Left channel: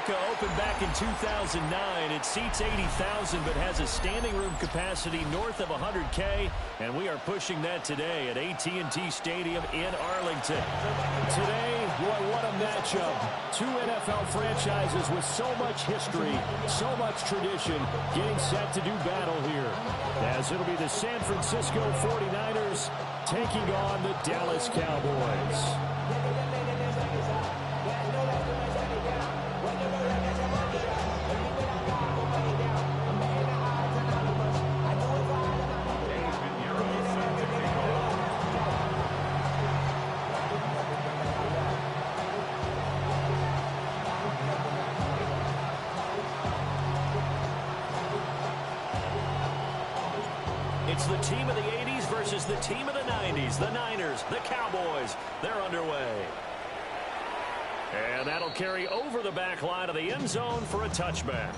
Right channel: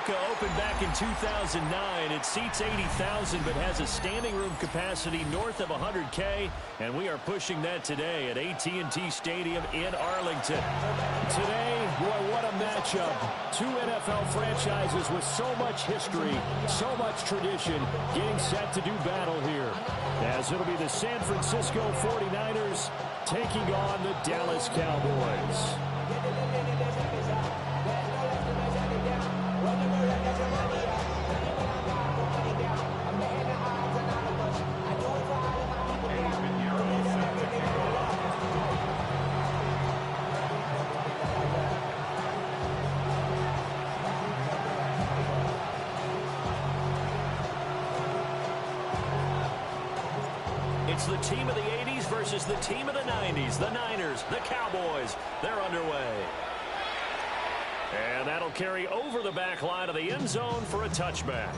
Mecca opened back in 2009. It seats 80,000 but has a standing room capacity north of 100K, and we are pushing that today at AT&T Stadium in Arlington. Today, boy, what a matchup. Two NFL franchises with so much history, so much tradition, getting set to do battle here. As it'll be the San Francisco 49ers taking on the Dallas Cowboys. It's the team of the 80s versus the team of the 90s. The Niners, the Cowboys, they're underway. And that'll carry over the back line of the end zone for a touchback.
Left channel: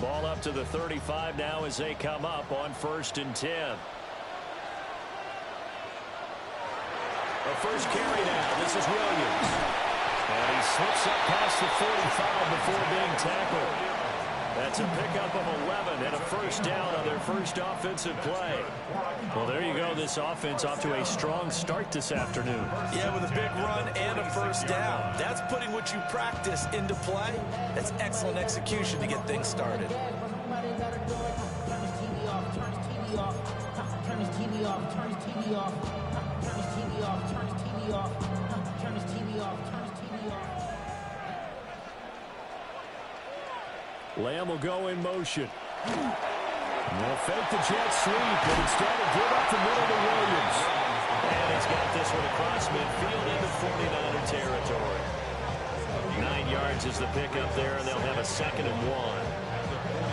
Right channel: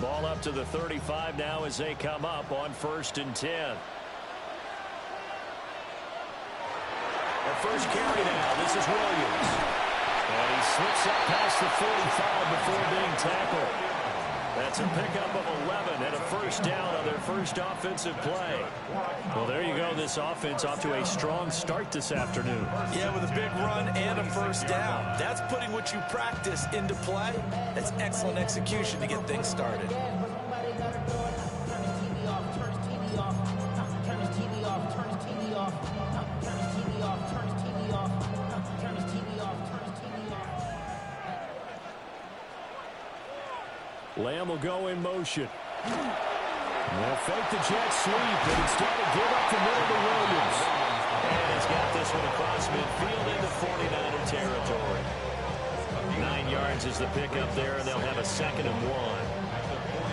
Ball up to the 35 now as they come up on 1st and 10. The first carry now. This is Williams. And he slips up past the 45 before being tackled. That's a pickup of 11 and a first down on their first offensive play. Well, there you go. This offense off to a strong start this afternoon. Yeah, with a big run and a first down. That's putting what you practice into play. That's excellent execution to get things started. Turn his TV off. Turn his TV off. Turn his TV off. Turn his TV off. Turn his TV off. Turn his TV off. Turn his TV off. Turn his TV off. Lamb will go in motion. They'll fake the jet sweep, but instead of give up the middle to Williams. And he's got this one across midfield into 49er territory. 9 yards is the pickup there, and they'll have a 2nd and 1.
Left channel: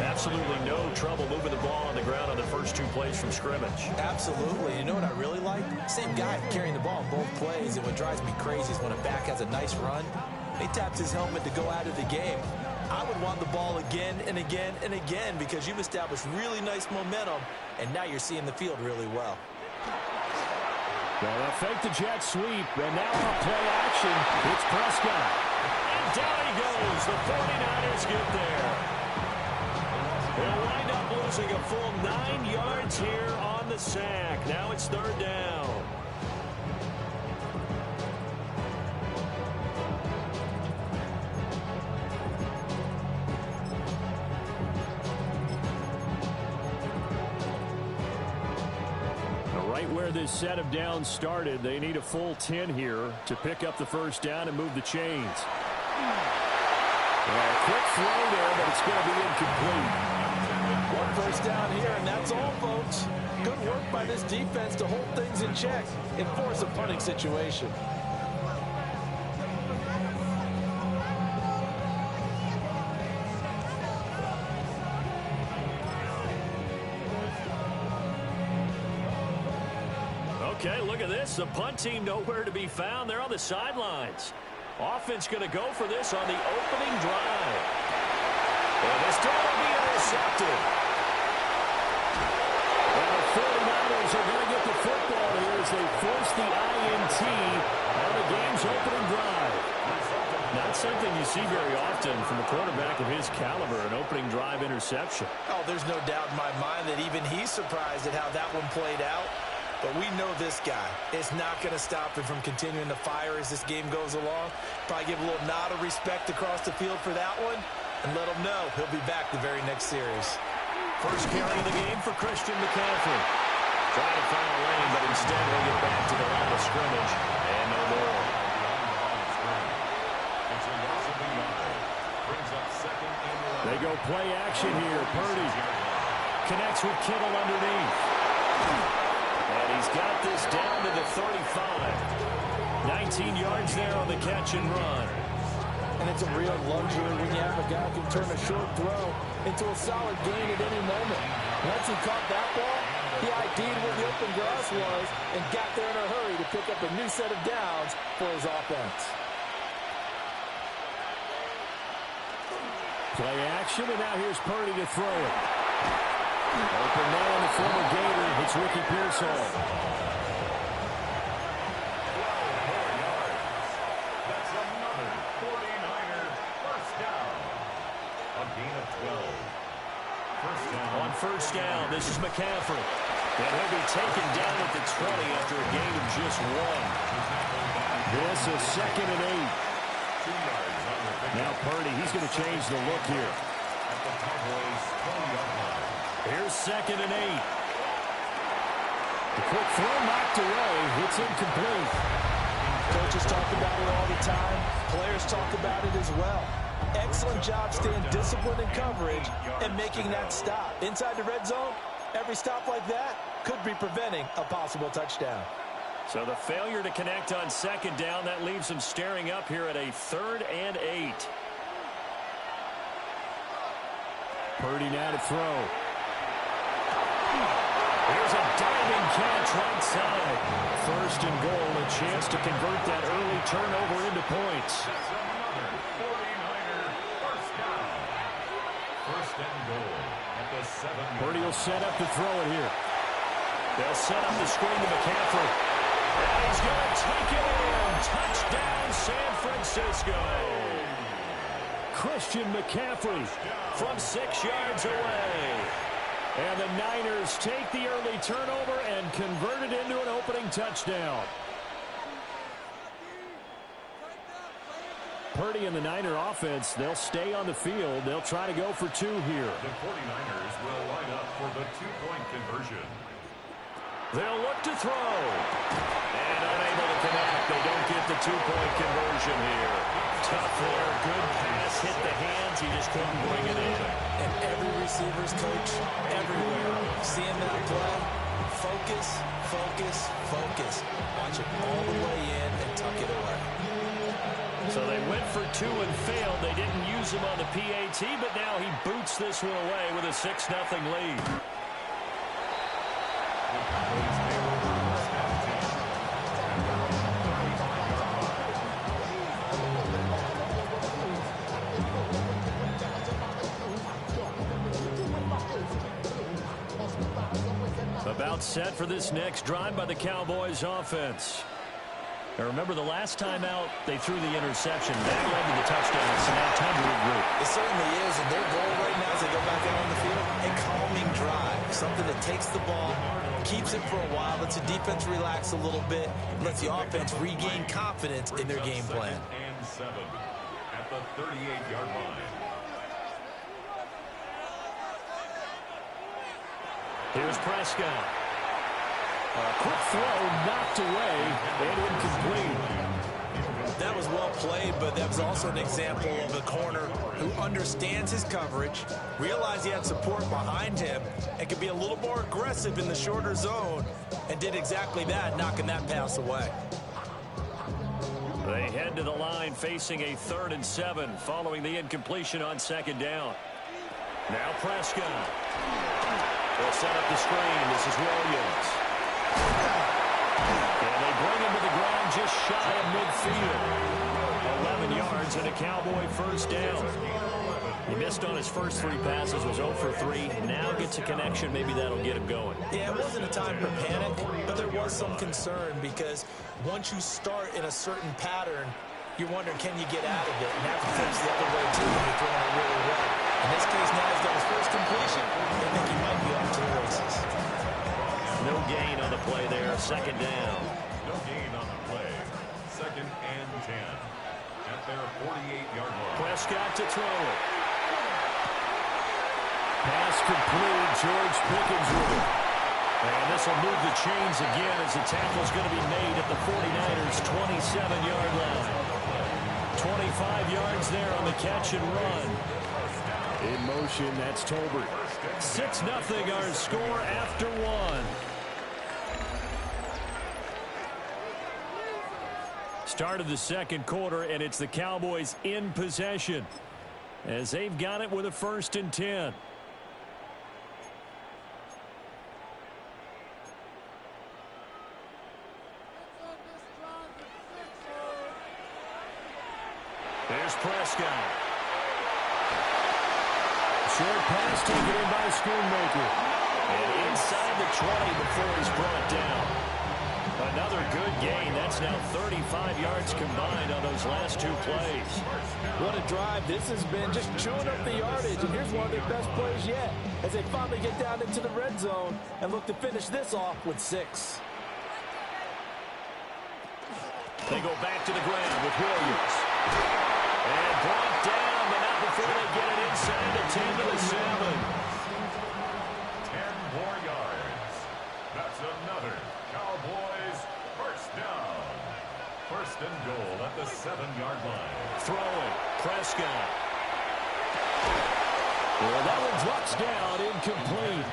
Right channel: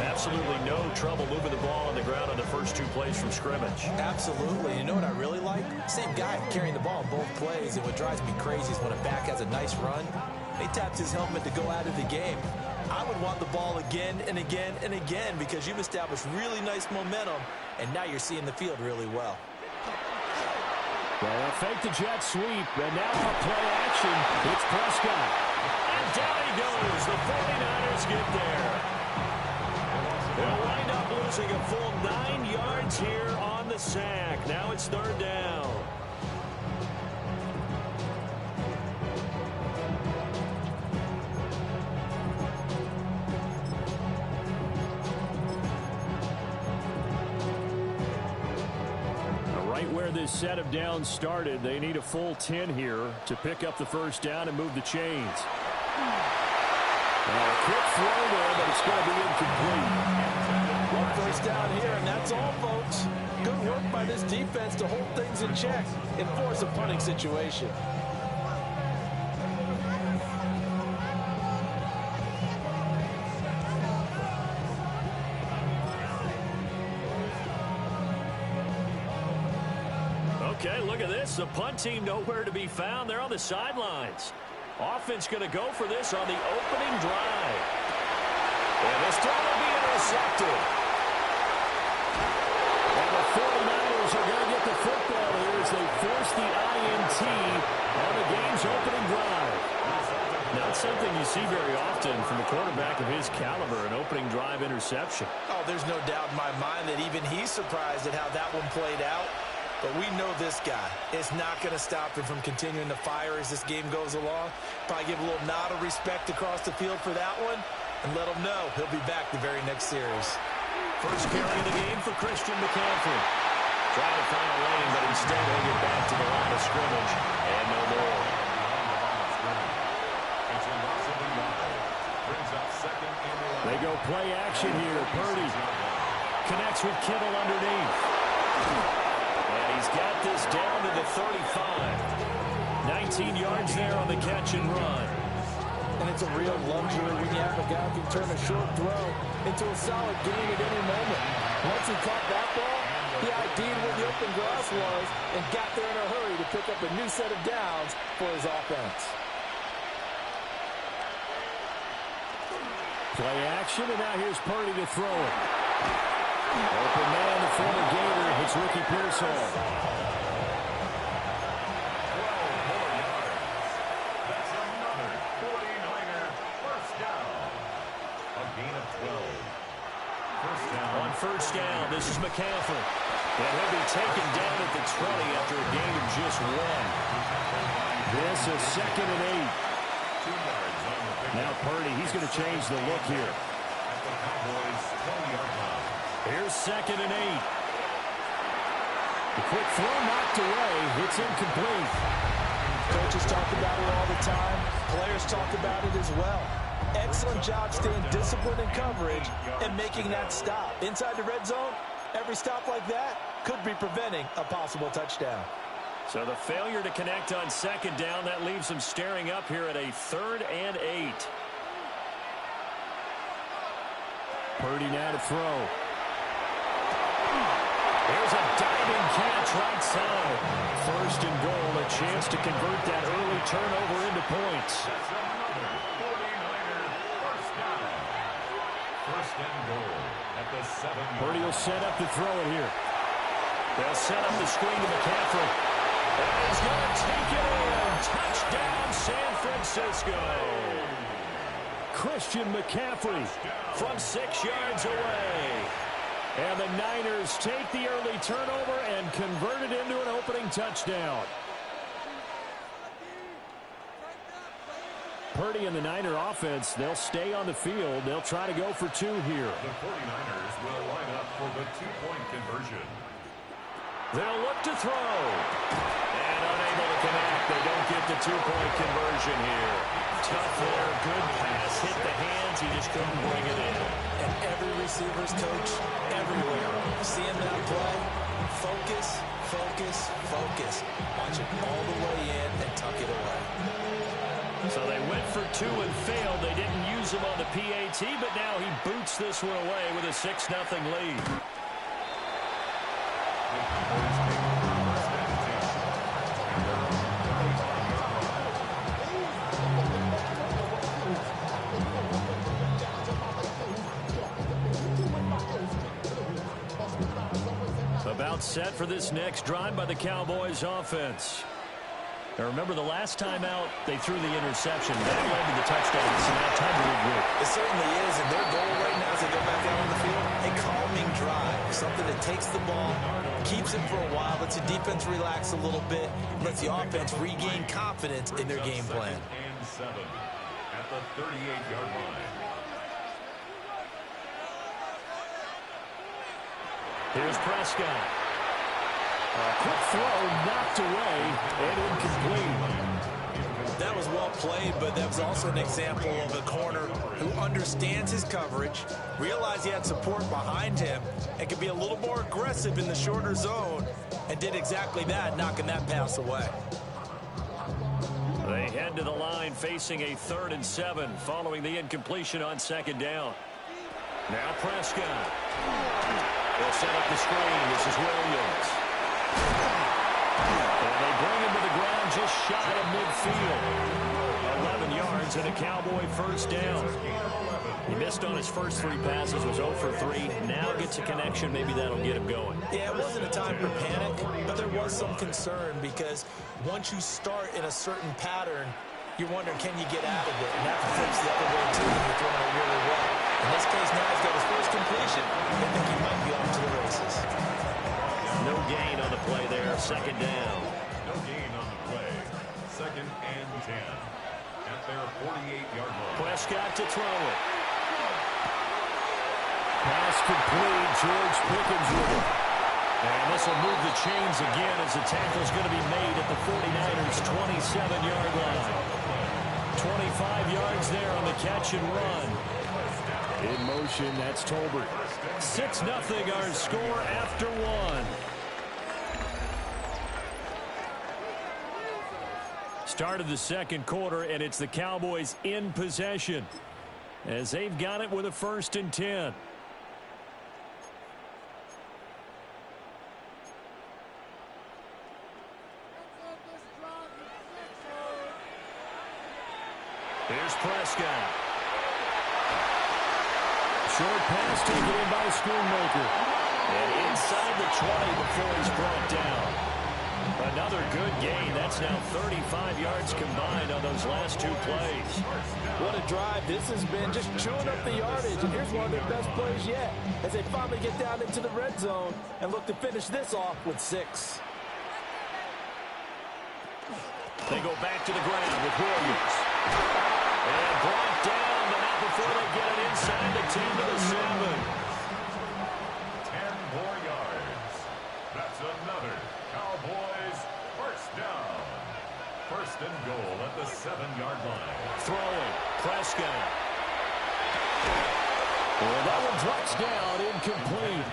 Absolutely no trouble moving the ball on the ground on the first 2 plays from scrimmage. Absolutely. You know what I really like? Same guy carrying the ball in both plays, and what drives me crazy is when a back has a nice run, he taps his helmet to go out of the game. I would want the ball again and again and again because you've established really nice momentum, and now you're seeing the field really well. Well, they'll fake the jet sweep, and now on play action, it's Prescott. And down he goes. The 49ers get there. They'll wind up losing a full 9 yards here on the sack. Now it's 3rd down. Right where this set of downs started, they need a full 10 here to pick up the first down and move the chains. Well, a quick throw there, but it's going to be incomplete. One first down here, and that's all, folks. Good work by this defense to hold things in check and force a punting situation. Okay, look at this. The punt team nowhere to be found. They're on the sidelines. Offense going to go for this on the opening drive. And this throw will be intercepted. And the 49ers are going to get the football here as they force the INT on the game's opening drive. Not something you see very often from a quarterback of his caliber, an opening drive interception. Oh, there's no doubt in my mind that even he's surprised at how that one played out. But we know this guy is not going to stop him from continuing to fire as this game goes along. Probably give a little nod of respect across the field for that one and let him know he'll be back the very next series. First carry of the game for Christian McCaffrey. Trying to find a lane, but instead he'll get back to the line of scrimmage and no more. They go play action here. Purdy connects with Kittle underneath. And he's got this down to the 35. 19 yards there on the catch and run. And it's a real luxury when you have a guy who can turn a short throw into a solid gain at any moment. Once he caught that ball, He ID'd where the open grass was and got there in a hurry to pick up a new set of downs for his offense. Play action, and now here's Purdy to throw it. Open man, the former Gator. It's Ricky Pearsall. 12 more yards. That's another 49er first down. A gain of 12. First down. On first down, this is McCaffrey. And he'll be taken down at the 20 after a gain of just 1. This is 2nd and 8. 2 yards on the pick. Now Purdy, he's going to change the look here. At the Cowboys' 20-yard line. Here's 2nd and 8. The quick throw knocked away. It's incomplete. Coaches talk about it all the time. Players talk about it as well. Excellent job staying disciplined in coverage and making that stop. Inside the red zone, every stop like that could be preventing a possible touchdown. So the failure to connect on 2nd down, that leaves them staring up here at a 3rd and 8. Purdy now to throw. Here's a diving catch right side. 1st and goal, a chance to convert that early turnover into points. That's another 49er first down. 1st and goal at the 7-yard. Purdy will set up to throw it here. They'll set up the screen to McCaffrey. And he's going to take it in. Touchdown, San Francisco. Christian McCaffrey from 6 yards away. And the Niners take the early turnover and convert it into an opening touchdown. Purdy and the Niner offense, they'll stay on the field. They'll try to go for 2 here. The 49ers will line up for the 2-point conversion. They'll look to throw. And unable to connect. They don't get the 2-point conversion here. Tough there. Good pass. Hit the hands. He just couldn't bring it in. And every receiver's coach, everywhere, seeing that play, focus, focus, focus. Watch it all the way in and tuck it away. So they went for 2 and failed. They didn't use him on the PAT, but now he boots this one away with a 6-0 lead. The Cowboys take over 1st and 10. At their 35-yard line. About set for this next drive by the Cowboys offense. Now remember, the last time out, they threw the interception. That led to the touchdown. So now time to regroup. It certainly is, and their goal right now as they go back out on the field, a calming drive. Something that takes the ball, keeps it for a while, lets the defense relax a little bit, lets the offense regain confidence in their game plan. 2nd and 7 at the 38-yard line. Here's Prescott. A quick throw knocked away and incomplete. That was well played, but that was also an example of a corner who understands his coverage, realized he had support behind him, and could be a little more aggressive in the shorter zone, and did exactly that, knocking that pass away. They head to the line facing a 3rd and 7 following the incompletion on 2nd down. Now Prescott. They'll set up the screen. This is Williams. And they bring him to the ground just shy of midfield. 11 yards and a Cowboy first down. He missed on his first 3 passes, was 0 for 3. Now gets a connection. Maybe that'll get him going. Yeah, it wasn't a time for panic, but there was some concern because once you start in a certain pattern, you're wondering, can you get out of it? And that flips the other way, too, when you're throwing it really well. In this case, now he's got his first completion. I think he might be off to the races. No gain on the play there. 2nd down. No gain on the play. 2nd and 10 at their 48-yard line. Prescott to throw it. Pass complete. George Pickens with it. And this will move the chains again as the tackle's going to be made at the 49ers' 27-yard line. 25 yards there on the catch and run. In motion, that's Tolbert. 6-0 our score after 1. Start of the 2nd quarter, and it's the Cowboys in possession as they've got it with a 1st and 10. Here's Prescott. Short pass taken in by Schoonmaker. And inside the 20 before he's brought down. Another good gain. That's now 35 yards combined on those last two plays. What a drive. This has been just chewing up the yardage. And here's one of their best plays yet as they finally get down into the red zone and look to finish this off with 6. They go back to the ground with Williams. And brought down, but not before they get it inside the 10 to the 7. 10 more yards. That's another Cowboys first down. First and goal at the 7-yard line. Throwing. Prescott. Well, that one drops down, incomplete.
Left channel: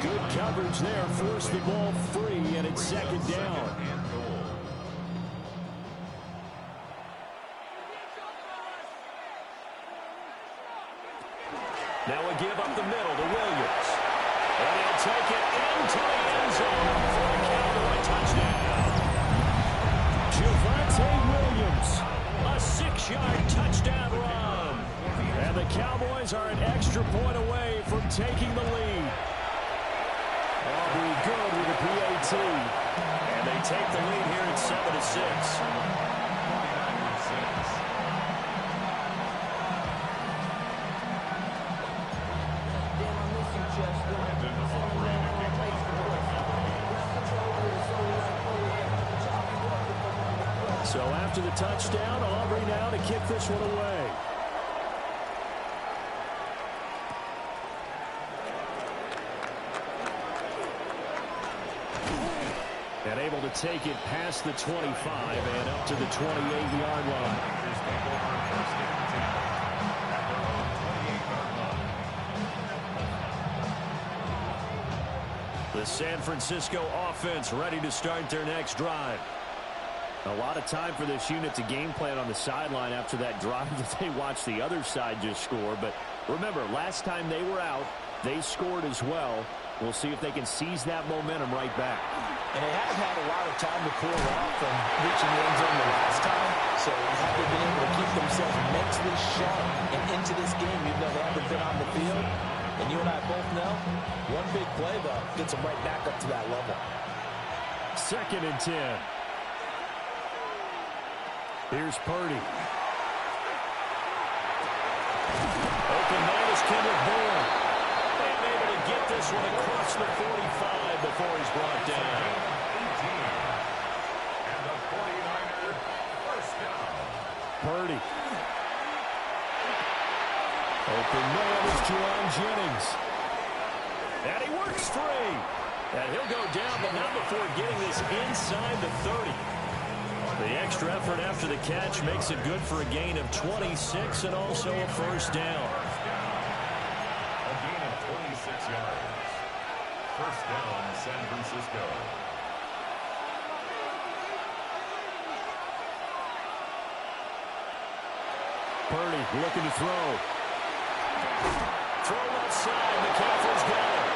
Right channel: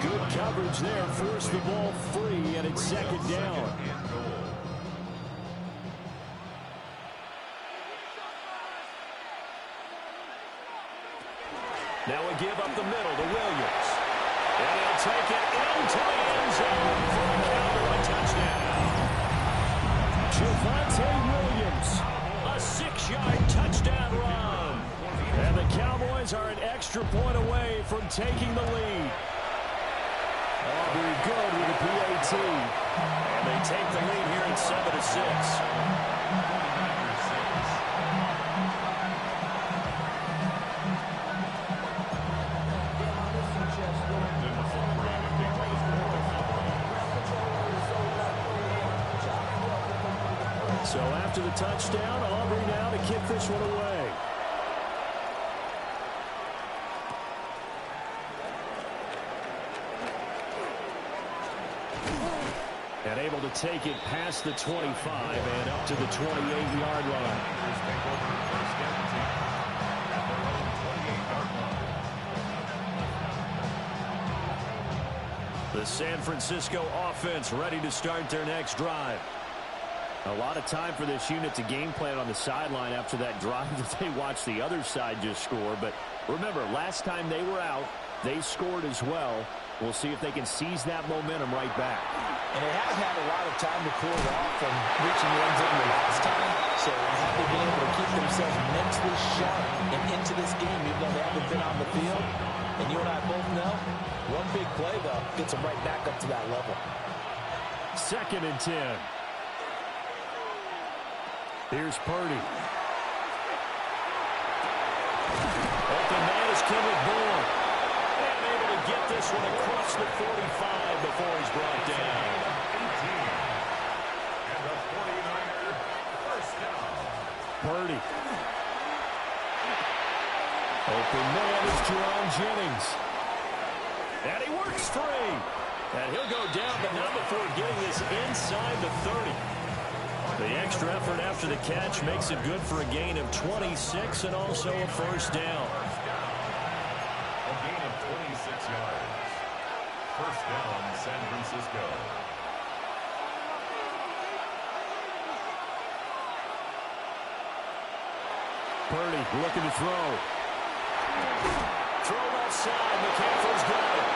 Good coverage there. Forced the ball free, and it's second down. Now a give up the middle to Williams. And he'll take it into the end zone for a Cowboy touchdown. Javonte Williams, a 6-yard touchdown run. And the Cowboys are an extra point away from taking the lead. Aubrey good with a PAT. And they take the lead here at 7-6. So after the touchdown, Aubrey now to kick this one away. And able to take it past the 25 and up to the 28-yard line. The San Francisco offense ready to start their next drive. A lot of time for this unit to game plan on the sideline after that drive that they watched the other side just score. But remember, last time they were out, they scored as well. We'll see if they can seize that momentum right back. And they have had a lot of time to cool off from reaching the end zone the last time. So have they been able to keep themselves mentally sharp and into this game even though they haven't been on the field? And you and I both know, one big play, though, gets them right back up to that level. 2nd and 10. Here's Purdy. Open man is Kendrick Bourne. And able to get this one across the 45 before he's brought down. 18. And the 49er first down. Purdy. Open man is Jerron Jennings. And he works free. And he'll go down, but not before getting this inside the 30. The extra effort after the catch makes it good for a gain of 26 and also a first down. A gain of 26 yards. First down, San Francisco. Purdy looking to throw. Throw left side. McCaffrey's got it.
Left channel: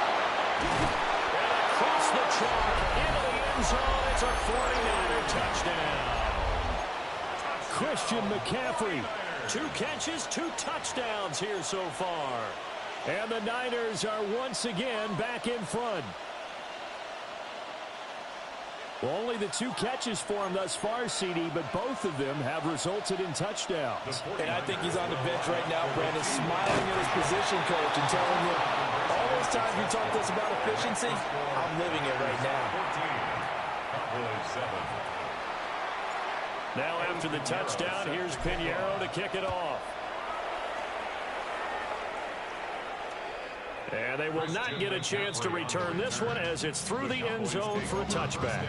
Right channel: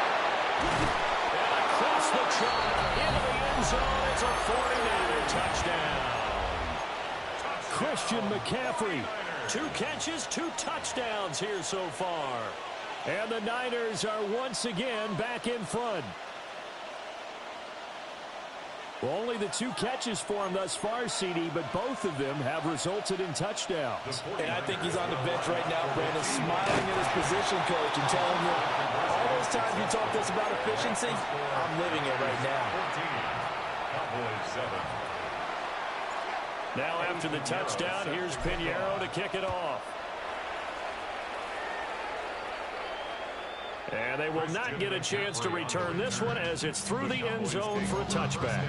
And across the chalk into the end zone. It's a 49er touchdown. Christian McCaffrey. 2 catches, 2 touchdowns here so far. And the Niners are once again back in front. Well, only the 2 catches for him thus far, CD, but both of them have resulted in touchdowns. And I think he's on the bench right now, Brandon, smiling at his position coach and telling him, all those times you talked to us about efficiency, I'm living it right now. 14. Cowboys 7. Now after the touchdown, here's Pinheiro to kick it off. And they will not get a chance to return this one as it's through the end zone for a touchback.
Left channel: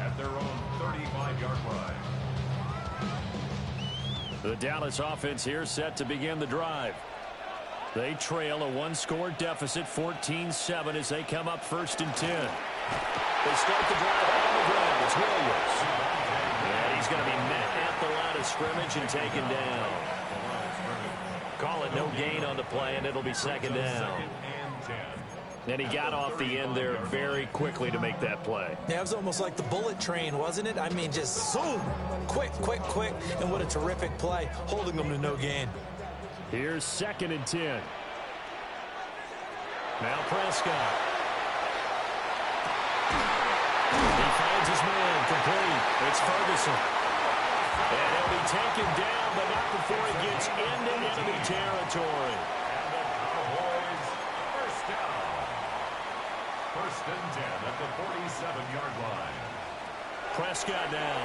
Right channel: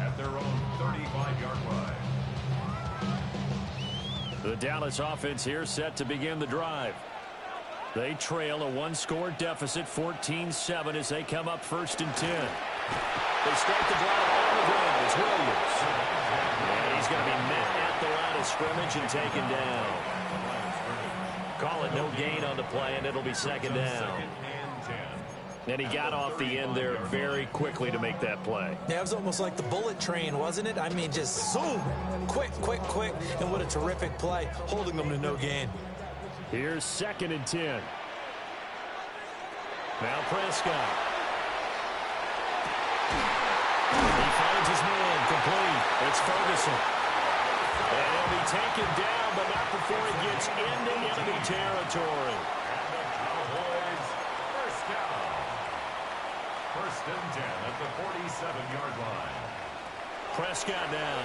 At their own 35-yard line. The Dallas offense here set to begin the drive. They trail a 1-score deficit, 14-7 as they come up 1st and 10. They start the drive on the ground. It's Williams. And he's going to be met at the line of scrimmage and taken down. Call it no gain on the play, and it'll be 2nd down. 2nd and 10. And he got off the end there very quickly to make that play. Yeah, it was almost like the bullet train, wasn't it? I mean, just zoom, quick, quick, quick, and what a terrific play, holding them to no gain. Here's 2nd and 10. Now Prescott. He finds his man, complete. It's Ferguson. And he'll be taken down, but not before he gets into enemy territory. And the Cowboys, first down. 1st and 10 at the 47-yard line. Prescott now.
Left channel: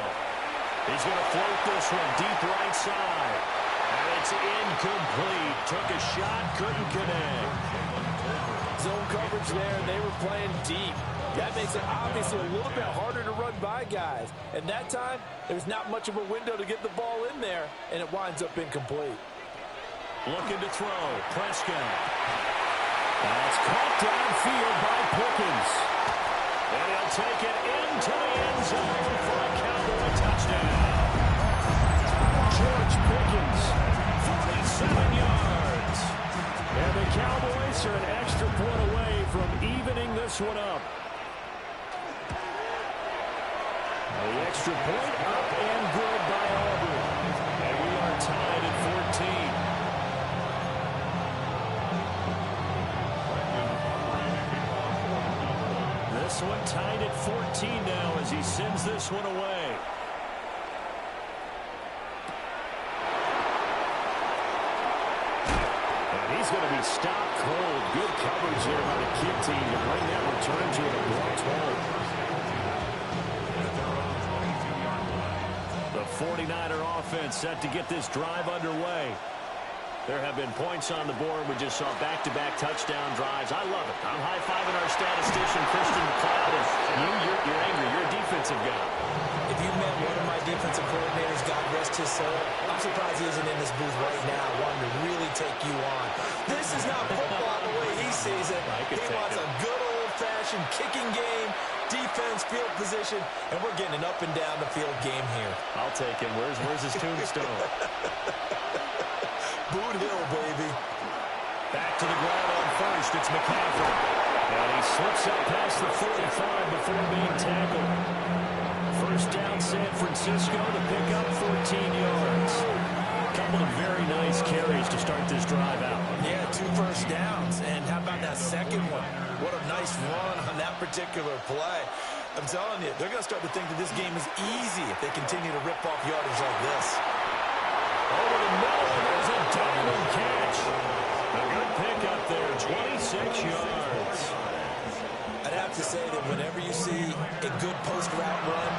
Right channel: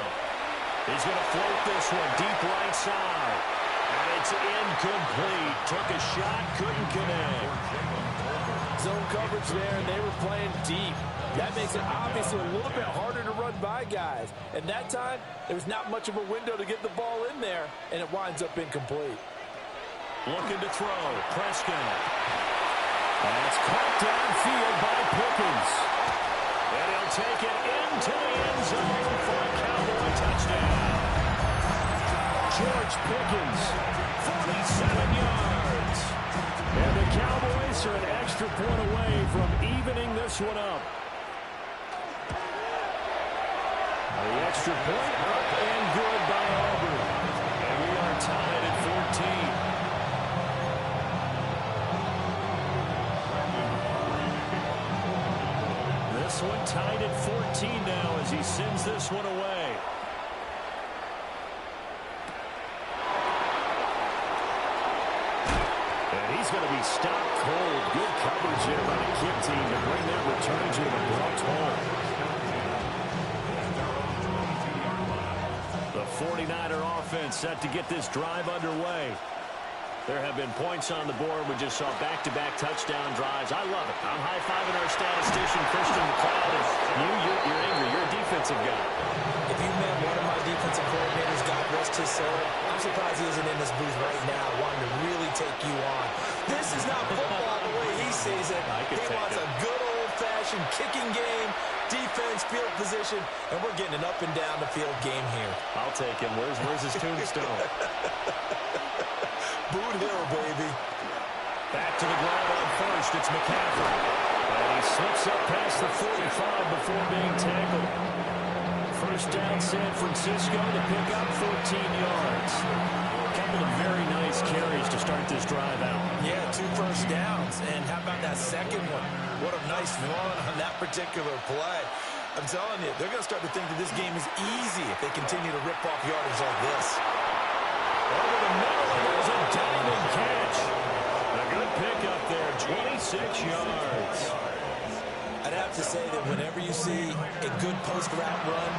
He's going to float this one deep right side. And it's incomplete. Took a shot, couldn't connect. Zone coverage there, and they were playing deep. That makes it obviously a little bit harder to run by guys. And that time, there's not much of a window to get the ball in there, and it winds up incomplete. Looking to throw. Prescott. That's caught downfield by Pickens. And he'll take it into the end zone for a Cowboy touchdown. George Pickens, 47 yards. And the Cowboys are an extra point away from evening this one up. The extra point up and good by Auburn. And we are tied at 14. This one tied at 14 now as he sends this one away. And he's going to be stopped cold. Good coverage here by the kick team to bring that return to an abrupt halt. The 49er offense set to get this drive underway. There have been points on the board. We just saw back-to-back touchdown drives. I love it. I'm high-fiving our statistician, Christian McLeod, and you're angry. You're a defensive guy. If you met one of my defensive coordinators, God rest his soul, I'm surprised he isn't in this booth right now wanting to really take you on. This is not football the way he sees it. He wants a good old-fashioned kicking game, defense, field position, and we're getting an up and down the field game here. I'll take him. Where's his tombstone? Boot Hill, baby. Back to the ground on first. It's McCaffrey. And he slips up past the 45 before being tackled. First down, San Francisco to pick up 14 yards. A couple of very nice carries to start this drive out. Yeah, 2 first downs. And how about that second one? What a nice run on that particular play. I'm telling you, they're going to start to think that this game is easy if they continue to rip off yardage like this. Over the middle, and there's a diving catch. A good pickup there, 26 yards. I'd have to say that whenever you see a good post route run,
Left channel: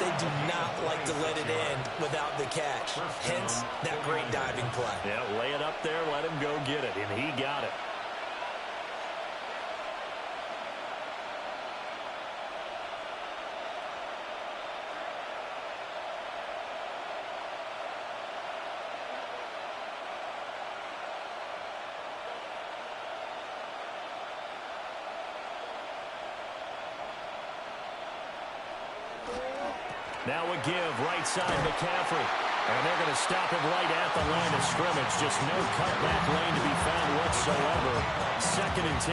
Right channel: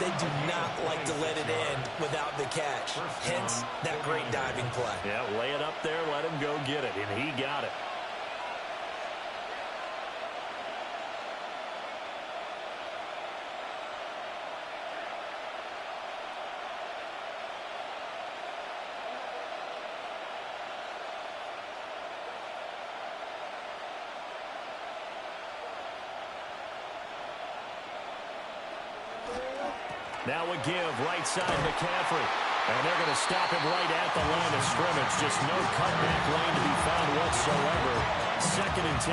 they do not like to let it end without the catch. Hence, that great diving play. Yeah, lay it up there, let him go get it, and he got it. Now a give, right side, McCaffrey. And they're going to stop him right at the line of scrimmage. Just no cutback lane to be found whatsoever. 2nd and 10.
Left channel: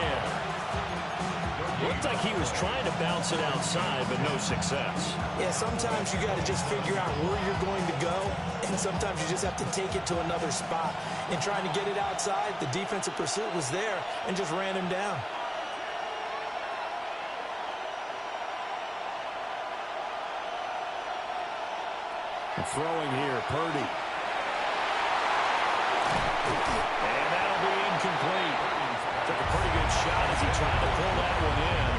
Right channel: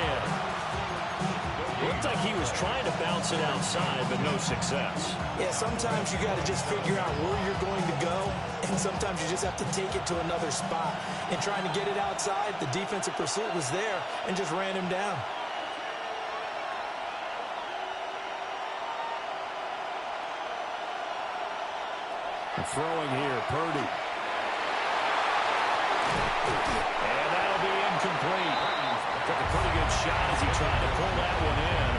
Looked like he was trying to bounce it outside, but no success. Yeah, sometimes you got to just figure out where you're going to go, and sometimes you just have to take it to another spot. In trying to get it outside, the defensive pursuit was there and just ran him down. Throwing here, Purdy. And that'll be incomplete. Took a pretty good shot as he tried to pull that one in.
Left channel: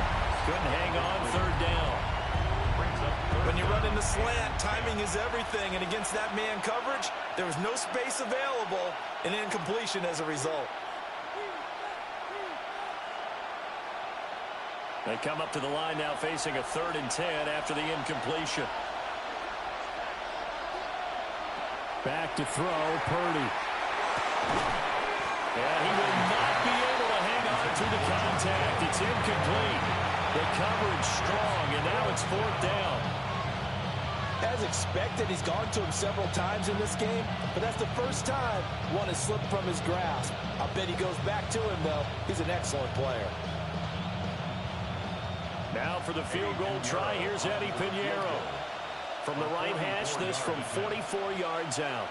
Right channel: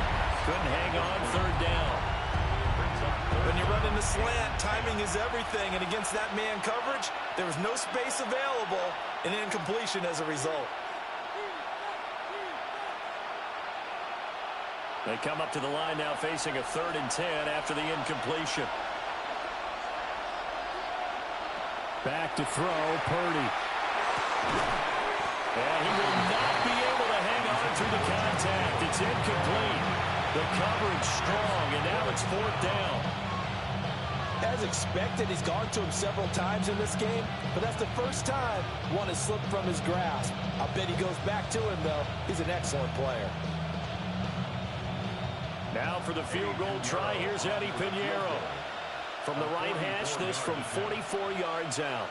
Couldn't hang on, 3rd down. When you run in the slant, timing is everything. And against that man coverage, there was no space available, and incompletion as a result. They come up to the line now facing a 3rd and 10 after the incompletion. Back to throw, Purdy. And he will not be able to hang on through the contact. It's incomplete. The coverage strong, and now it's 4th down. As expected, he's gone to him several times in this game, but that's the first time one has slipped from his grasp. I bet he goes back to him, though. He's an excellent player. Now for the field goal try, here's Eddie Pinheiro. From the right hash, this from 44 yards out.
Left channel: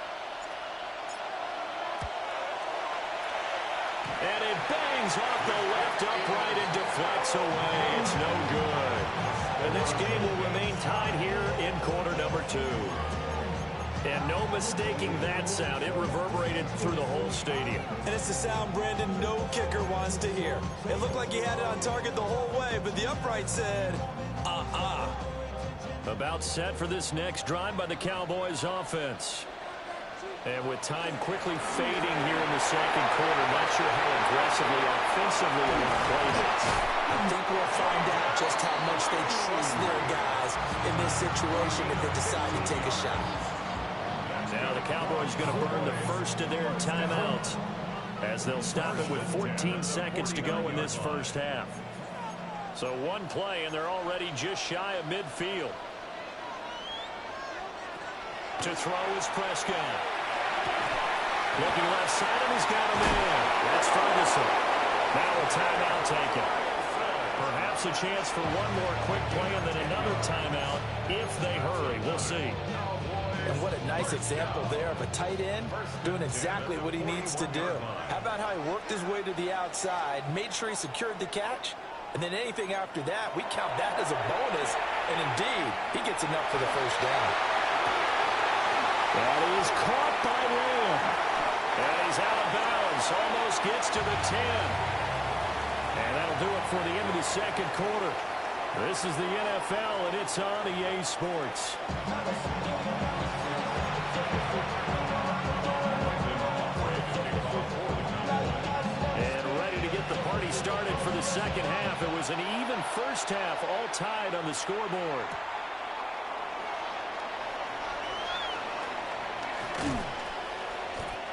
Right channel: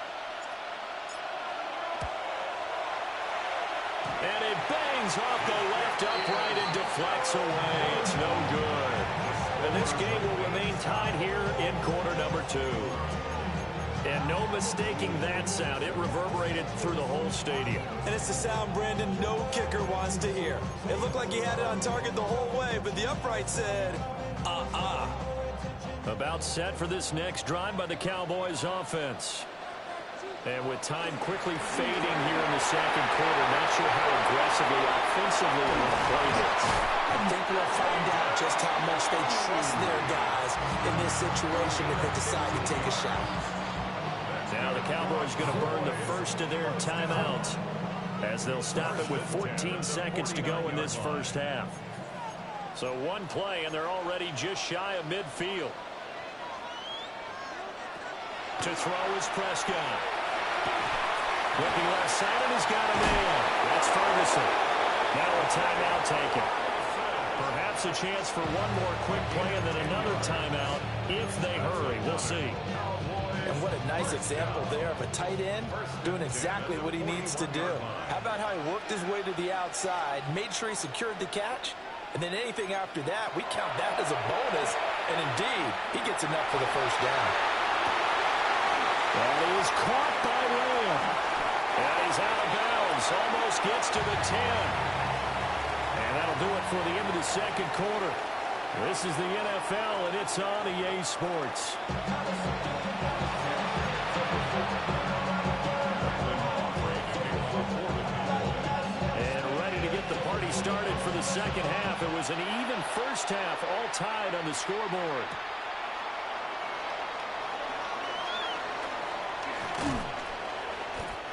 And it bangs off the left upright and deflects away. It's no good. And this game will remain tied here in quarter number 2. And no mistaking that sound. It reverberated through the whole stadium. And it's the sound, Brandon, no kicker wants to hear. It looked like he had it on target the whole way, but the upright said, About set for this next drive by the Cowboys offense. And with time quickly fading here in the second quarter, not sure how aggressively, offensively they want to play this. I think we'll find out just how much they trust their guys in this situation if they decide to take a shot. Now the Cowboys going to burn the first of their timeouts as they'll stop it with 14 seconds to go in this first half. So one play, and they're already just shy of midfield. To throw is Prescott. Looking left side, and he's got a man. That's Ferguson. Now a timeout taken. Perhaps a chance for one more quick play and then another timeout if they hurry. We'll see. And what a nice example there of a tight end doing exactly what he needs to do. How about how he worked his way to the outside, made sure he secured the catch, and then anything after that, we count that as a bonus. And indeed, he gets enough for the first down. That is caught by Rell. And he's out of bounds. Almost gets to the 10. And that'll do it for the end of the second quarter. This is the NFL, and it's on EA Sports. And ready to get the party started for the second half. It was an even first half, all tied on the scoreboard.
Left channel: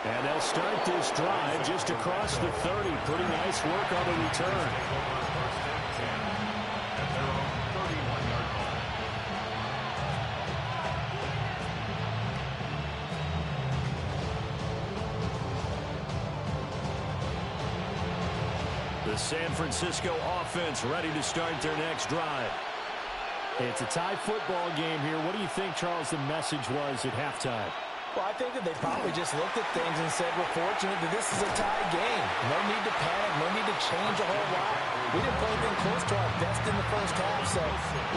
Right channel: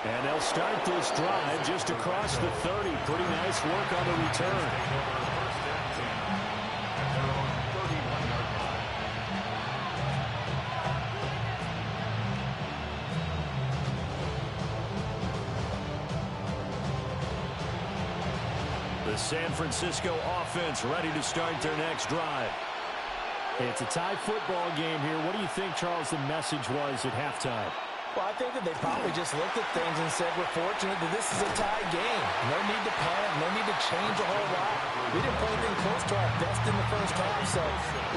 And they'll start this drive just across the 30. Pretty nice work on the return. The San Francisco offense ready to start their next drive. It's a tie football game here. What do you think, Charles, the message was at halftime? Well, I think that they probably just looked at things and said, we're fortunate that this is a tie game. No need to panic. No need to change a whole lot. We didn't play anything close to our best in the first half, so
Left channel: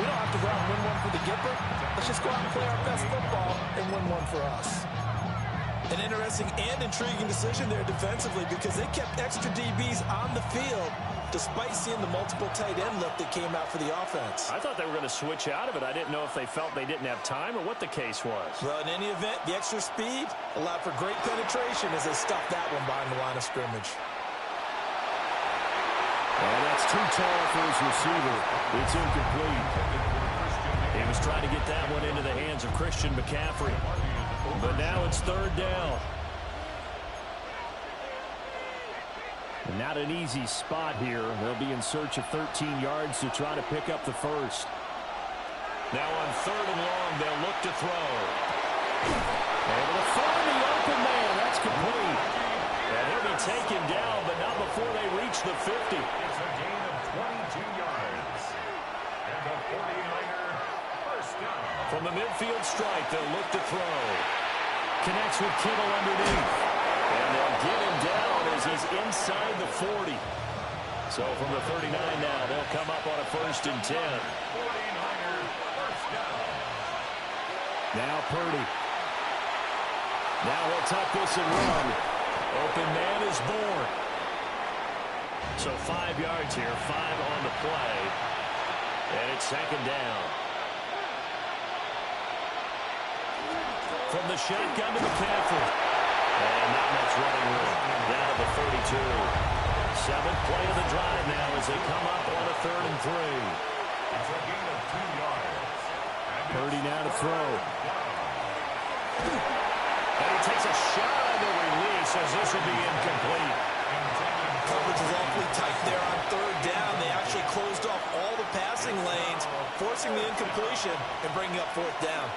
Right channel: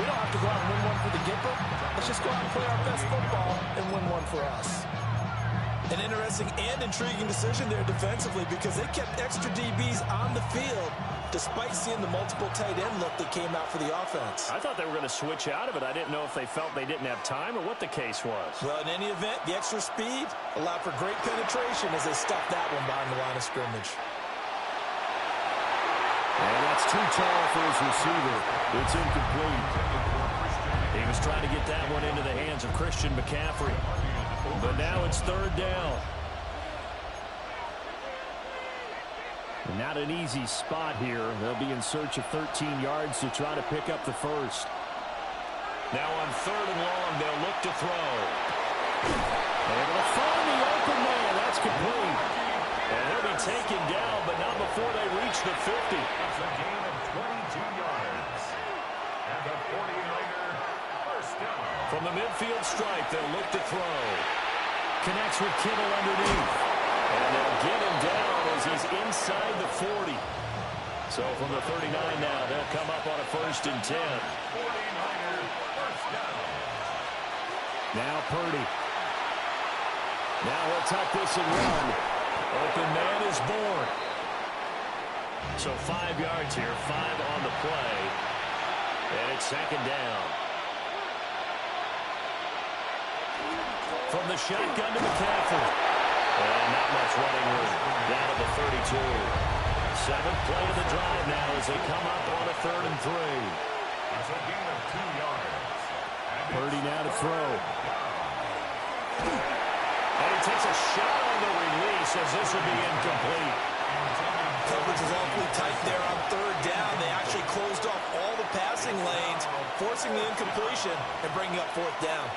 we don't have to go out and win one for the Gipper. Let's just go out and play our best football and win one for us. An interesting and intriguing decision there defensively because they kept extra DBs on the field despite seeing the multiple tight end look that came out for the offense. I thought they were going to switch out of it. I didn't know if they felt they didn't have time or what the case was. Well, in any event, the extra speed allowed for great penetration as they stuffed that one behind the line of scrimmage. And that's too tall for his receiver. It's incomplete. He was trying to get that one into the hands of Christian McCaffrey. But now it's third down. And not an easy spot here. They'll be in search of 13 yards to try to pick up the first. Now on third and long, they'll look to throw. Able to find the open man. That's complete. And he'll be taken down, but not before they reach the 50. It's a gain of 22 yards. And the 49er first down. From the midfield stripe, they'll look to throw. Connects with Kittle underneath. And they'll get him down as he's inside the 40. So from the 39 now, they'll come up on a first and 10. 49er first down. Now Purdy. Now he'll tuck this and run. Open man is born. So 5 yards here, 5 on the play. And it's second down. From the shotgun to McCaffrey. And not much running room. Down to the 32. 7th play of the drive now as they come up on a 3rd and 3. It's a gain of 2 yards. Purdy now to throw. And he takes a shot on the release as this will be incomplete. Coverage was awfully tight there on third down. They actually closed off all the passing lanes, forcing the incompletion and bringing up fourth down.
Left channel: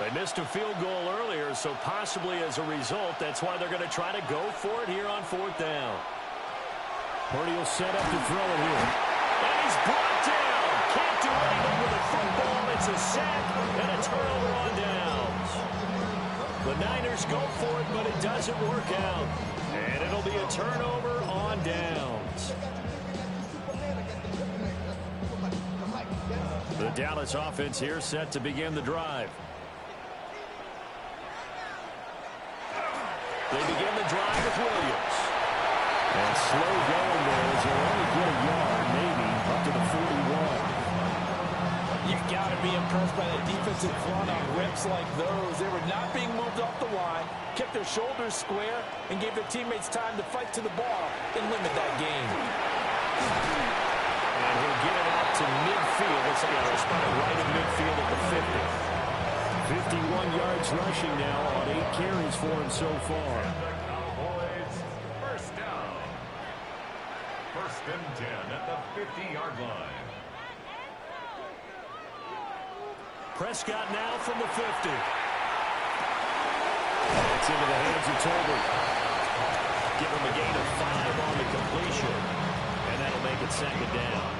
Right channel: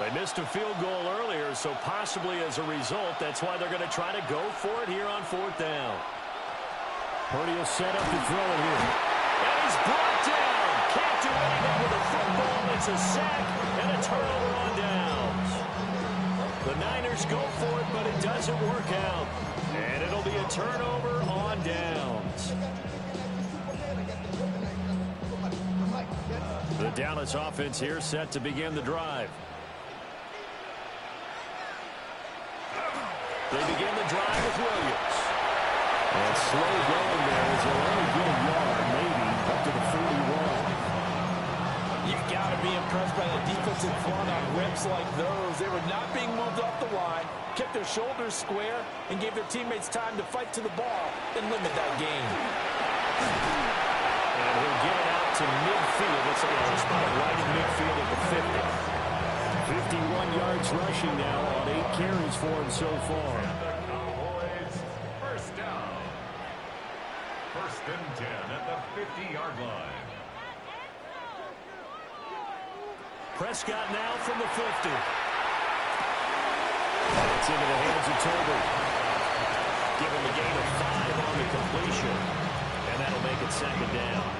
They missed a field goal earlier, so possibly as a result, that's why they're going to try to go for it here on fourth down. Purdy will set up to throw it here. And he's brought down. Can't do anything with a football. It's a sack and a turnover on downs. The Niners go for it, but it doesn't work out. And it'll be a turnover on downs. The Dallas offense here set to begin the drive. They begin the drive with Williams. And slow going there as they'll only get a yard, maybe, up to the 41. You've got to be impressed by the defensive front on reps like those. They were not being moved off the line, kept their shoulders square, and gave their teammates time to fight to the ball and limit that gain. And he'll get it out to midfield. Let's say a spot right in midfield at the 50. 51 yards rushing now on 8 carries for him so far. And the Cowboys, first down. First and 10 at the 50-yard line. Prescott now from the 50. It's into the hands of Tolbert. Give him a gain of 5 on the completion. And that'll make it second down.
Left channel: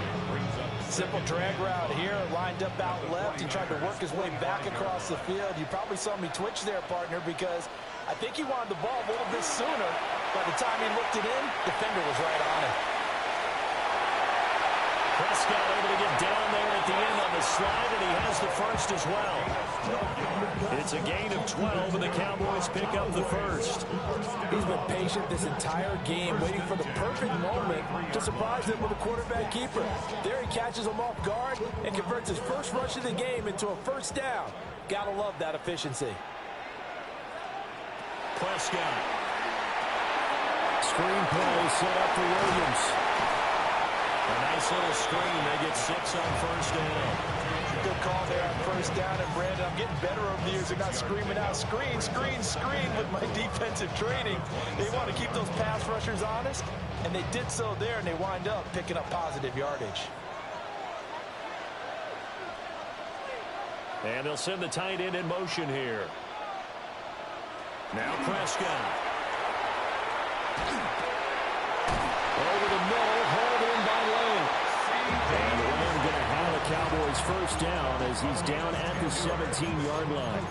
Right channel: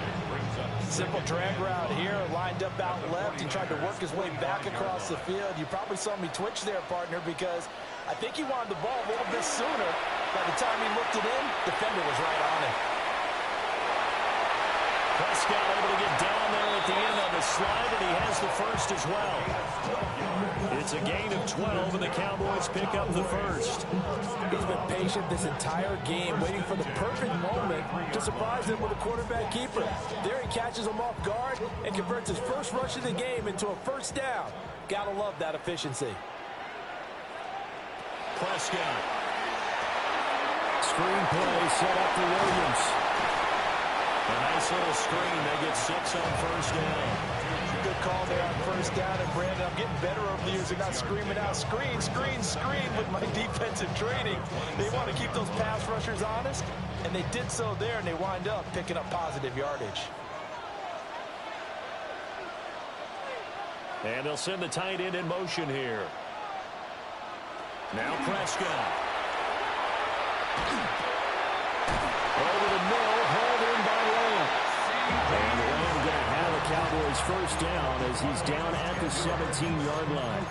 Simple drag route here, lined up out left. He tried to work his way back across the field. You probably saw me twitch there, partner, because I think he wanted the ball a little bit sooner. By the time he looked it in, defender was right on him. Prescott able to get down there at the end on the slide, and he has the first as well. It's a gain of 12, and the Cowboys pick up the first. He's been patient this entire game, waiting for the perfect moment to surprise him with a quarterback keeper. There he catches him off guard and converts his first rush of the game into a first down. Gotta love that efficiency. Prescott. Screen play set up for Williams. A nice little screen. They get 6 on first down. Good call there on first down. And, Brandon, I'm getting better over the years. They're not screaming out, screen, screen, screen with my defensive training. They want to keep those pass rushers honest, and they did so there, and they wind up picking up positive yardage. And they'll send the tight end in motion here. Now Prescott. Over the middle, hauled in by Lamb. And Lamb going to have a Cowboys first down as he's down at the 17-yard line.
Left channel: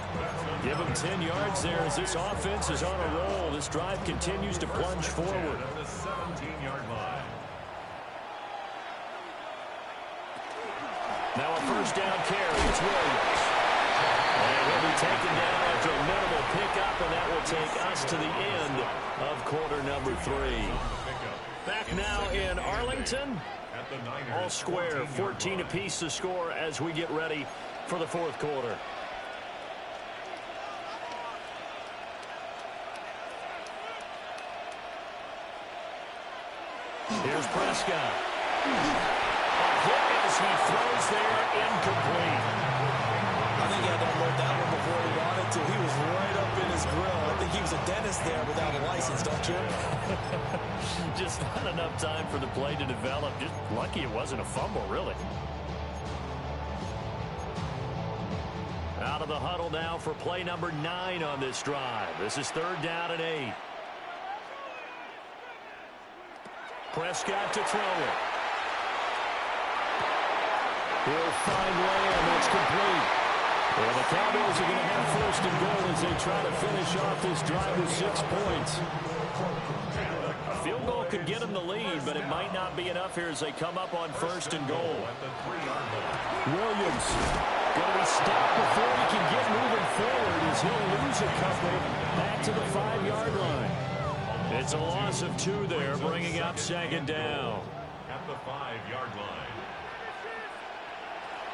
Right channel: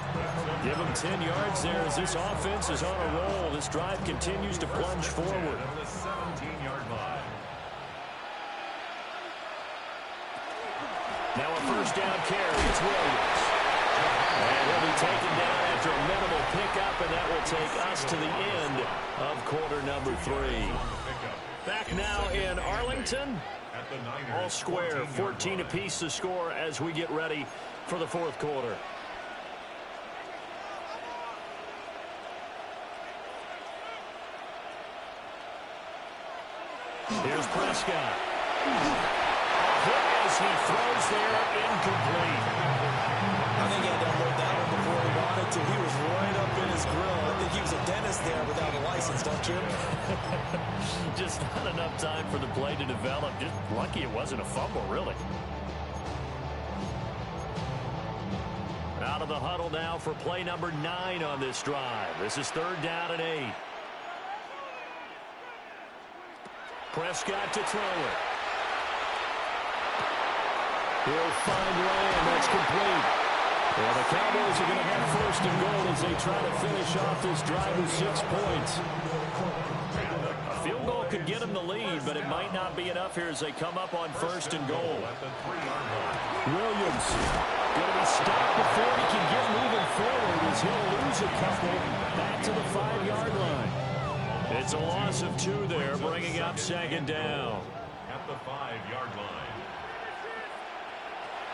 Give him 10 yards there as this offense is on a roll. This drive continues to plunge forward. At the 17-yard line. Now a first down carry. It's Williams. And he'll be taken down after a minimal pickup, and that will take us to the end of quarter number 3. Back now in Arlington. All square, 14 apiece to score as we get ready for the fourth quarter. Here's Prescott. A hit as he throws there, incomplete. I think he had to unload that one before he wanted to. He was right up in his grill. I think he was a dentist there without a license, don't you? Just not enough time for the play to develop. Just lucky it wasn't a fumble, really. Out of the huddle now for play number 9 on this drive. This is third down and 8. Prescott to throw it. He'll find Lamb. That's complete. Well, the Cowboys are going to have first and goal as they try to finish off this drive with 6 points. A field goal could get them the lead, but it might not be enough here as they come up on first and goal. Williams going to be stopped before he can get moving forward as he'll lose a couple back to the 5-yard line. It's a loss of 2 there, bringing up second down. At the 5-yard line.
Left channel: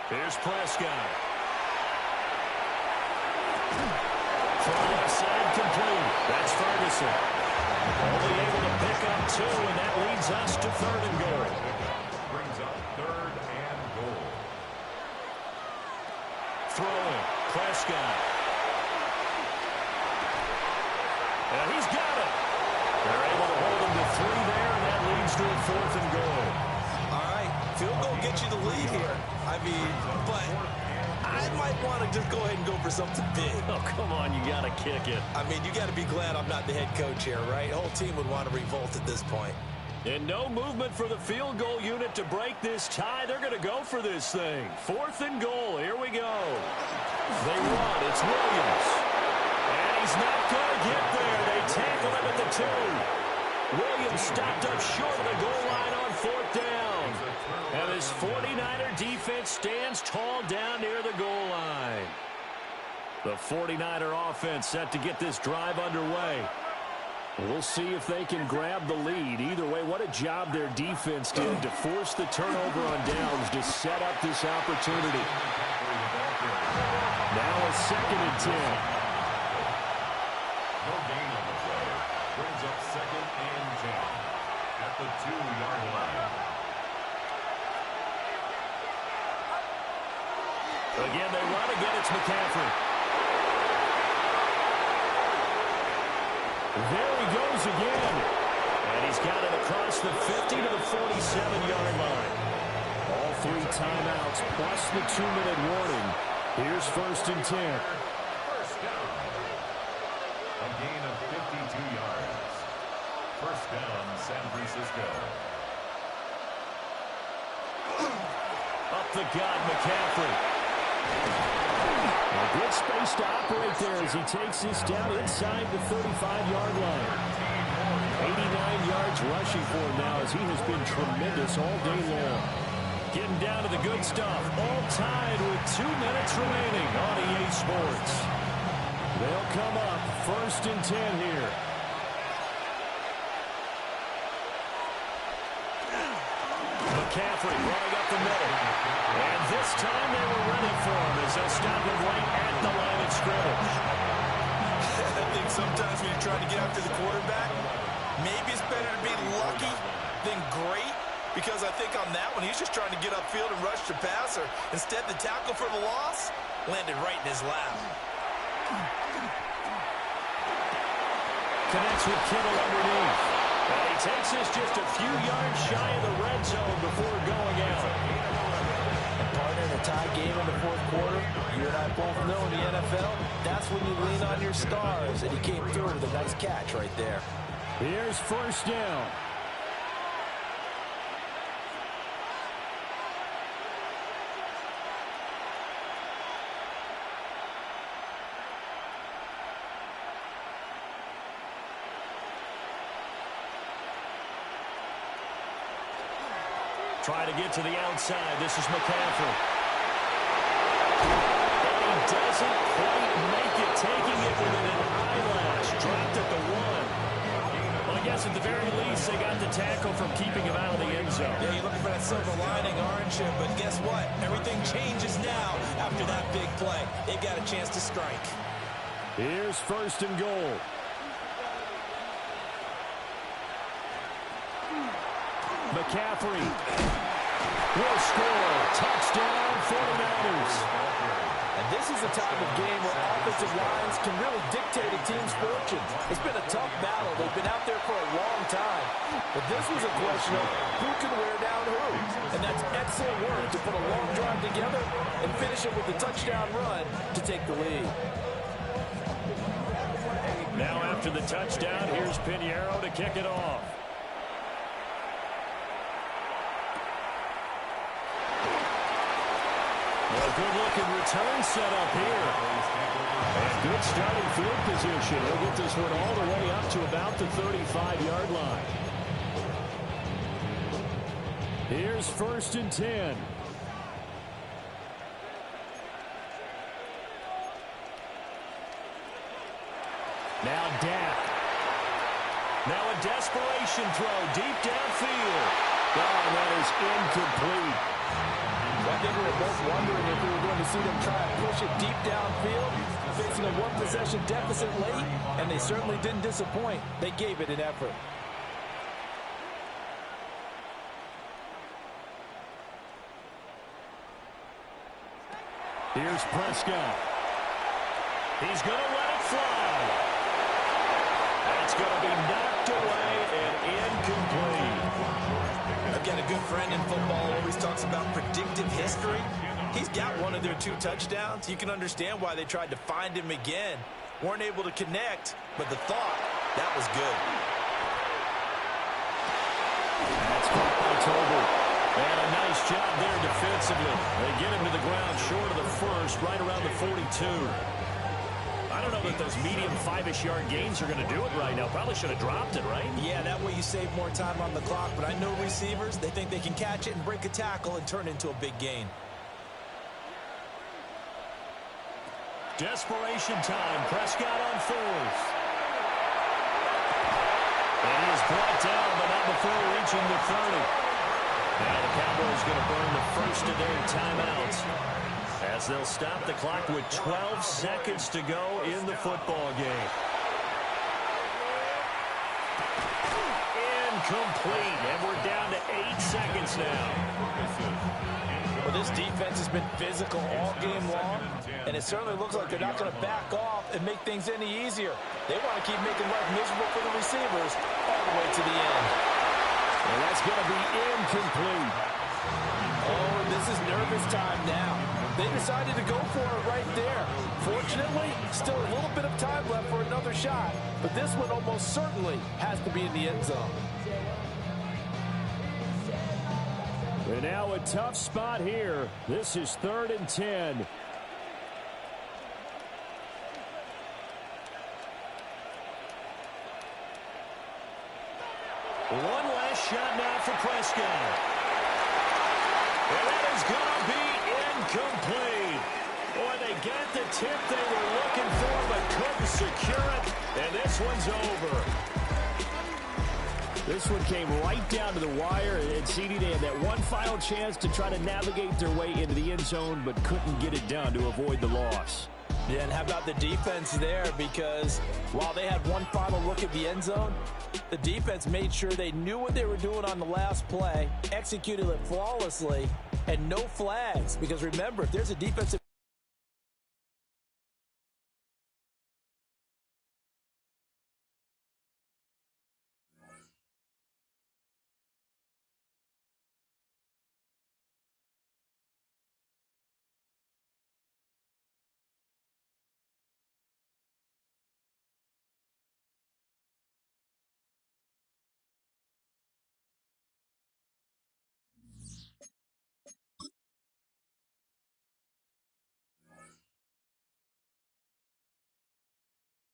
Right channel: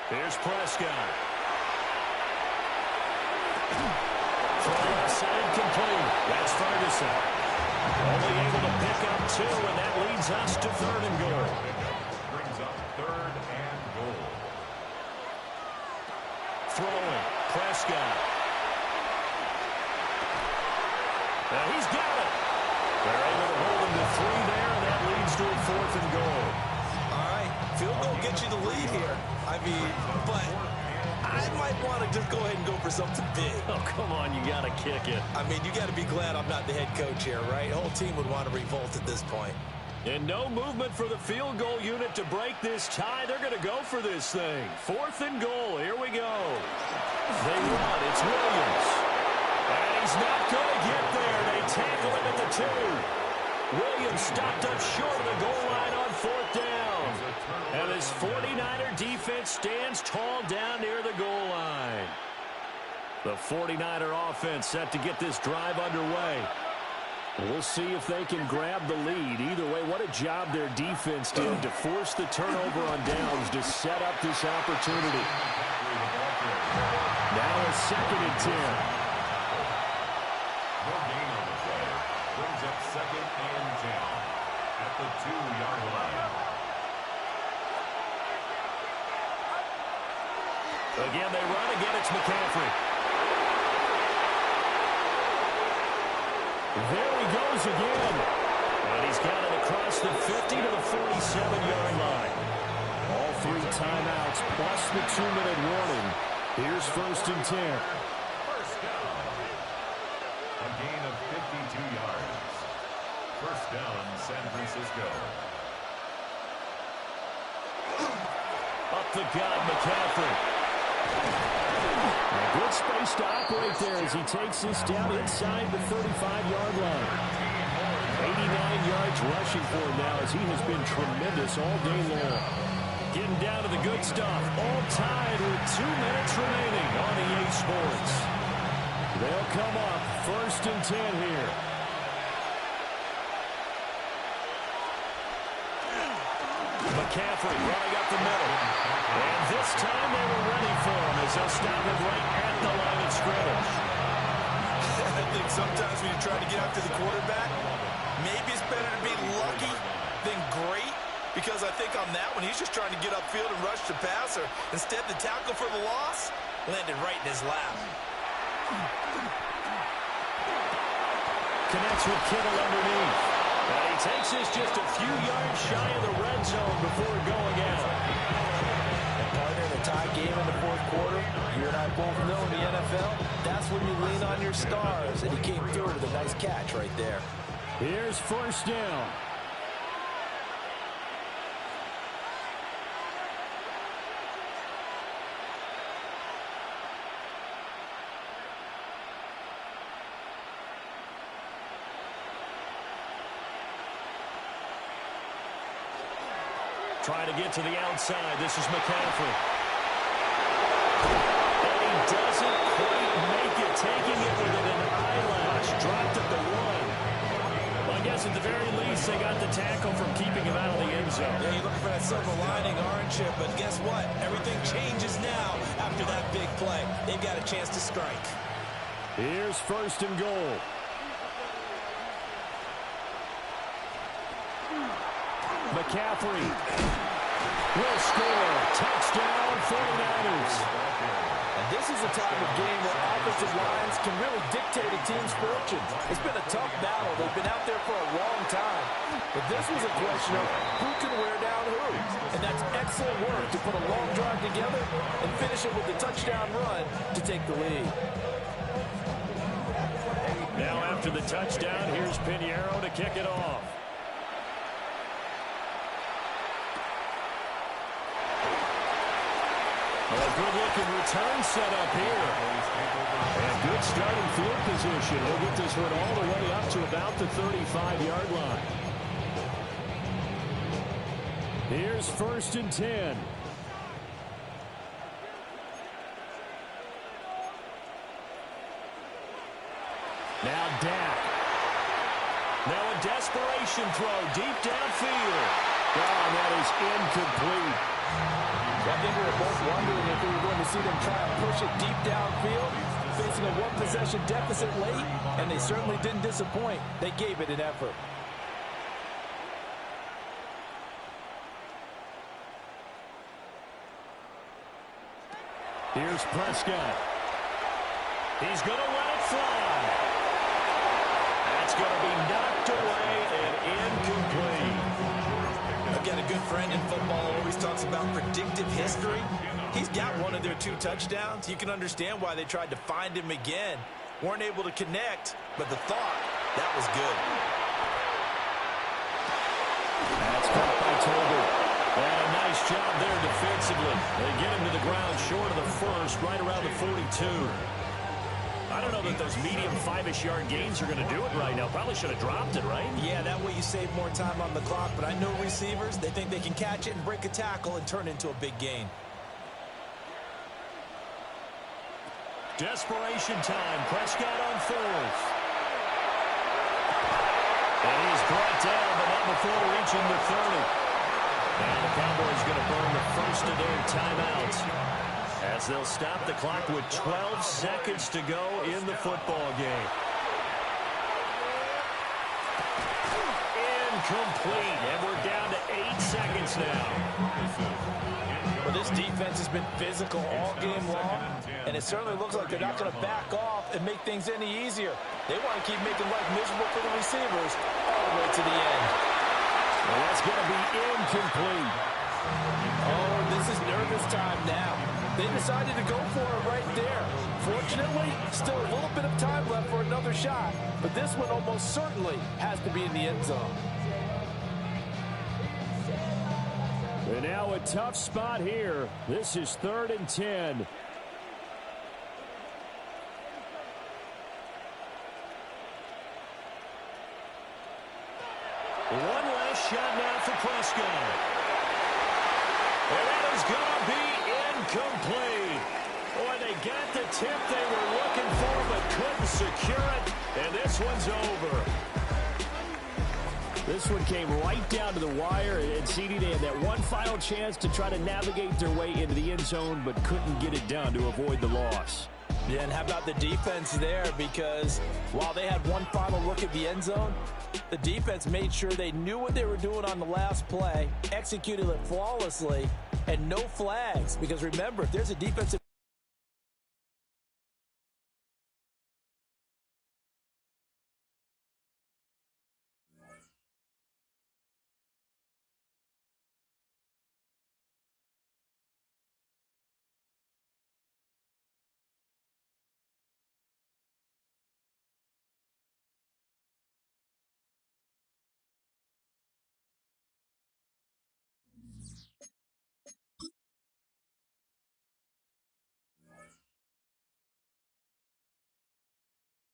Here's Prescott. From left side, complete. That's Ferguson. Only able to pick up 2, and that leads us to third and goal. Brings up third and goal. Throwing. Prescott. And he's got it. They're able to hold him to 3 there, and that leads to a fourth and goal. All right, field goal gets you the lead here. I mean, but I might want to just go ahead and go for something big. Oh, come on, you got to kick it. I mean, you got to be glad I'm not the head coach here, right? The whole team would want to revolt at this point. And no movement for the field goal unit to break this tie. They're going to go for this thing. 4th and goal. Here we go. They run. It's Williams. And he's not going to get there. They tackle him at the 2. Williams stopped up short of the goal line on 4th down. And this 49er defense stands tall down near the goal line. The 49er offense set to get this drive underway. We'll see if they can grab the lead. Either way, what a job their defense did to force the turnover on downs to set up this opportunity. Now a 2nd and 10. No gain on the play. Brings up 2nd and 10 at the 2-yard line. Again, they run. Again, it's McCaffrey. There he goes again. And he's got it across the 50 to the 47-yard line. All 3 timeouts plus the 2-minute warning. Here's 1st and 10. First down. A gain of 52 yards. First down, San Francisco. Up the gut, McCaffrey. A good space to operate there as he takes this down inside the 35-yard line. 89 yards rushing for him now as he has been tremendous all day long. Getting down to the good stuff. All tied with 2 minutes remaining on EA Sports. They'll come up 1st and 10 here. McCaffrey running up the middle. And this time they were ready for him as they'll stop him right at the line of scrimmage. I think sometimes when you try to get after the quarterback, maybe it's better to be lucky than great, because I think on that one, he's just trying to get upfield and rush the passer. Instead, the tackle for the loss landed right in his lap. Connects with Kittle underneath. And he takes this just a few yards shy of the red zone before going out. And partner, in a tie game in the 4th quarter, you and I both know in the NFL, that's when you lean on your stars. And he came through with a nice catch right there. Here's 1st down. Trying to get to the outside. This is McCaffrey. And he doesn't quite make it, taking it within an eyelash. Dropped at the 1. Well, I guess at the very least, they got the tackle from keeping him out of the end zone. Yeah, you're looking for that silver lining, aren't you? But guess what? Everything changes now after that big play. They've got a chance to strike. Here's 1st and goal. McCaffrey will score. Touchdown, 49ers. And this is a type of game where offensive lines can really dictate a team's fortunes. It's been a tough battle. They've been out there for a long time. But this was a question of who can wear down who. And that's excellent work to put a long drive together and finish it with a touchdown run to take the lead. Now after the touchdown, here's Pinheiro to kick it off. A good-looking return set up here. And good starting field position. He'll get this one all the way up to about the 35-yard line. Here's 1st and 10. Now Dak. Now a desperation throw deep downfield. Oh, and that is incomplete. I think we were both wondering if we were going to see them try and push it deep downfield, facing a one-possession deficit late, and they certainly didn't disappoint. They gave it an effort. Here's Prescott. He's going to let it fly. That's going to be knocked away and incomplete. I've got a good friend in football who always talks about predictive history. He's got one of their 2 touchdowns. You can understand why they tried to find him again. Weren't able to connect, but the thought, that was good. That's caught by Tolbert. And a nice job there defensively. They get him to the ground short of the first, right around the 42. I don't know that those medium 5-ish yard gains are going to do it right now. Probably should have dropped it, right? Yeah, that way you save more time on the clock. But I know receivers, they think they can catch it and break a tackle and turn it into a big gain. Desperation time. Prescott on fourth. And he is brought down, but not before reaching the 30. Now the Cowboys going to burn the first of their timeouts as they'll stop the clock with 12 seconds to go in the football game. Incomplete, and we're down to 8 seconds now. Well, this defense has been physical all game long, and it certainly looks like they're not going to back off and make things any easier. They want to keep making life miserable for the receivers all the way to the end. And that's going to be incomplete. Oh, this is nervous time now. They decided to go for it right there. Fortunately, still a little bit of time left for another shot, but this one almost certainly has to be in the end zone. And now a tough spot here. This is 3rd and 10. One last shot now for Prescott. And that is going to be incomplete. Boy, they got the tip they were looking for but couldn't secure it. And this one's over. This one came right down to the wire, and CD, they had that one final chance to try to navigate their way into the end zone, but couldn't get it done to avoid the loss. Yeah, and how about the defense there? Because while they had one final look at the end zone, the defense made sure they knew what they were doing on the last play, executed it flawlessly, and no flags. Because remember, if there's a defensive